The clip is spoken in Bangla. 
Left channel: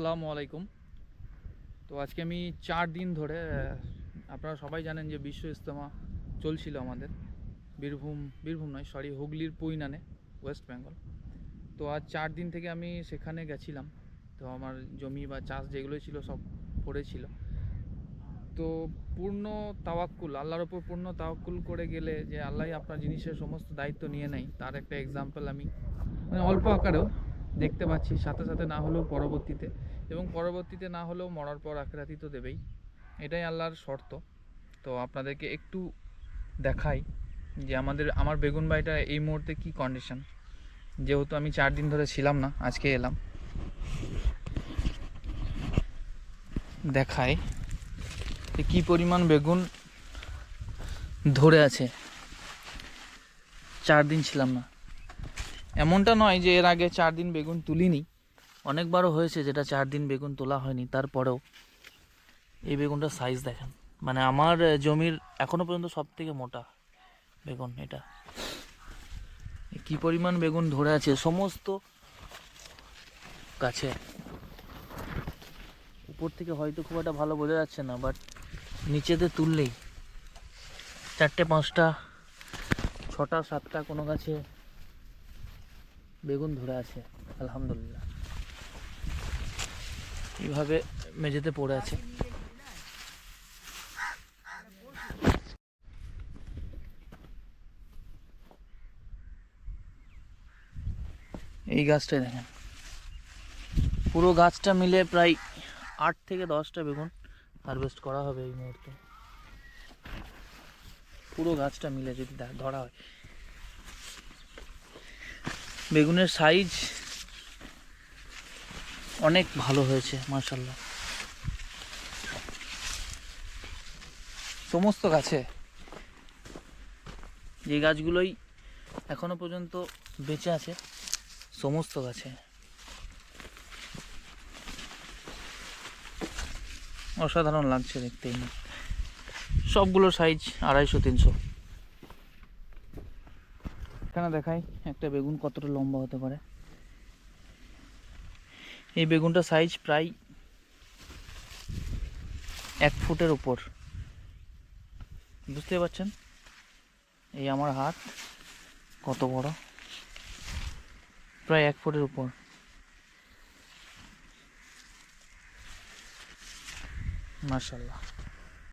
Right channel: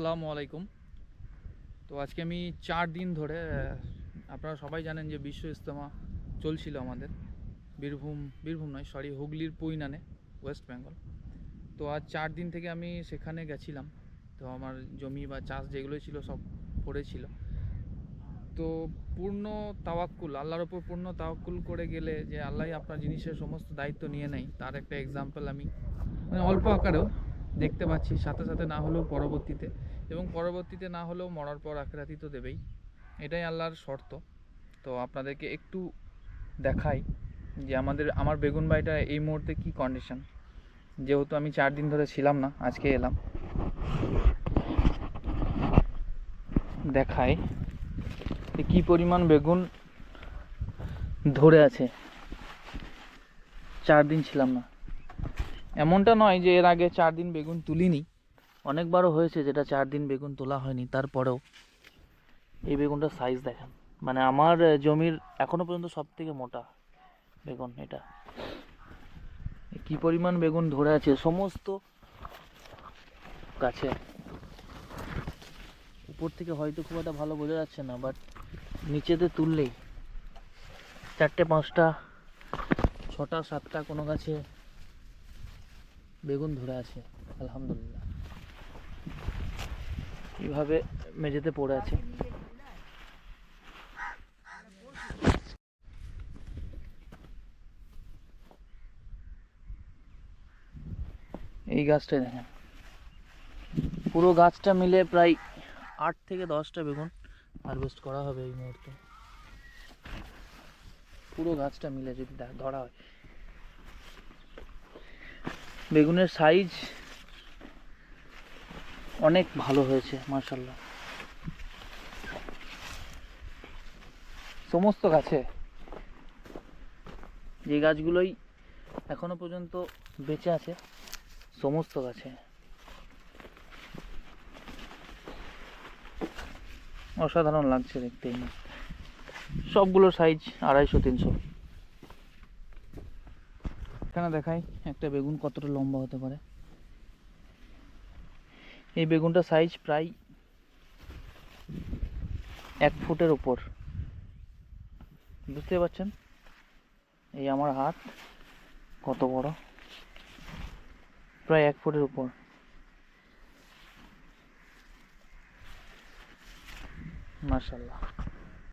আসসালামু আলাইকুম। তো আজকে আমি চার দিন ধরে আপনারা সবাই জানেন যে বিশ্ব ইজতেমা চলছিল আমাদের। বীরভূম বীরভূম নয় সরি হুগলির পুইনানে ওয়েস্ট বেঙ্গল তো আজ চার দিন থেকে আমি সেখানে গেছিলাম। তো আমার জমি বা চাষ যেগুলো ছিল সব পড়েছিল। তো পূর্ণ তাওয়াক্কুল, আল্লাহর ওপর পূর্ণ তাওয়াক্কুল করে গেলে যে আল্লাহ আপনার জিনিসের সমস্ত দায়িত্ব নিয়ে নেয়, তার একটা এক্সাম্পল আমি মানে অল্প আকারেও। দেখতে পাচ্ছি, সাথে সাথে না হলেও পরবর্তীতে। এবং পরবর্তীতে না হলেও মরার পর আখেরাতি তো দেবেই। এটাই আল্লাহর শর্ত। তো আপনাদেরকে একটু দেখাই যে আমাদের, আমার বেগুন বাড়িটা এই মুহূর্তে কি কন্ডিশন যেহেতু আমি চার দিন ধরে ছিলাম না, আজকে এলাম। দেখাই যে কী পরিমাণ বেগুন ধরে আছে। চার দিন ছিলাম না। এমনটা নয় যে এর আগে চার দিন বেগুন তুলিনি। অনেকবারও হয়েছে যেটা চার দিন বেগুন তোলা হয়নি, তারপরেও এই বেগুনটার সাইজ দেখেন। মানে আমার জমির এখনও পর্যন্ত সব থেকে মোটা বেগুন এটা। কি পরিমাণ বেগুন ধরে আছে? সমস্ত গাছে। উপর থেকে হয়তো খুব একটা ভালো বোঝা যাচ্ছে না বাট নিচেতে তুললেই চারটে, পাঁচটা, ছটা, সাতটা কোনো গাছে বেগুন ধরে আছে, আলহামদুলিল্লাহ। এইভাবে মেঝেতে পড়ে আছে। এই গাছটাই দেখেন। পুরো গাছটা মিলে প্রায় আট থেকে দশটা বেগুন হারভেস্ট করা হবে এই মুহূর্তে। পুরো গাছটা মিলে যদি ধরা হয়। বেগুনের সাইজ অনেক ভালো হয়েছে মার্শাল্লাহ সমস্ত গাছে। যে গাছগুলোই এখনও পর্যন্ত বেঁচে আছে, সমস্ত গাছে। অসাধারণ লাগছে দেখতে। সবগুলো সাইজ আড়াইশো, তিনশো। এখানে দেখাই, একটা বেগুন কতটা লম্বা হতে পারে। এই বেগুনটা সাইজ প্রায় এক ফুটের ওপর বুঝতে পারছেন? এই আমার হাত কত বড়? প্রায় এক ফুটের উপর। মার্শাল্লাহ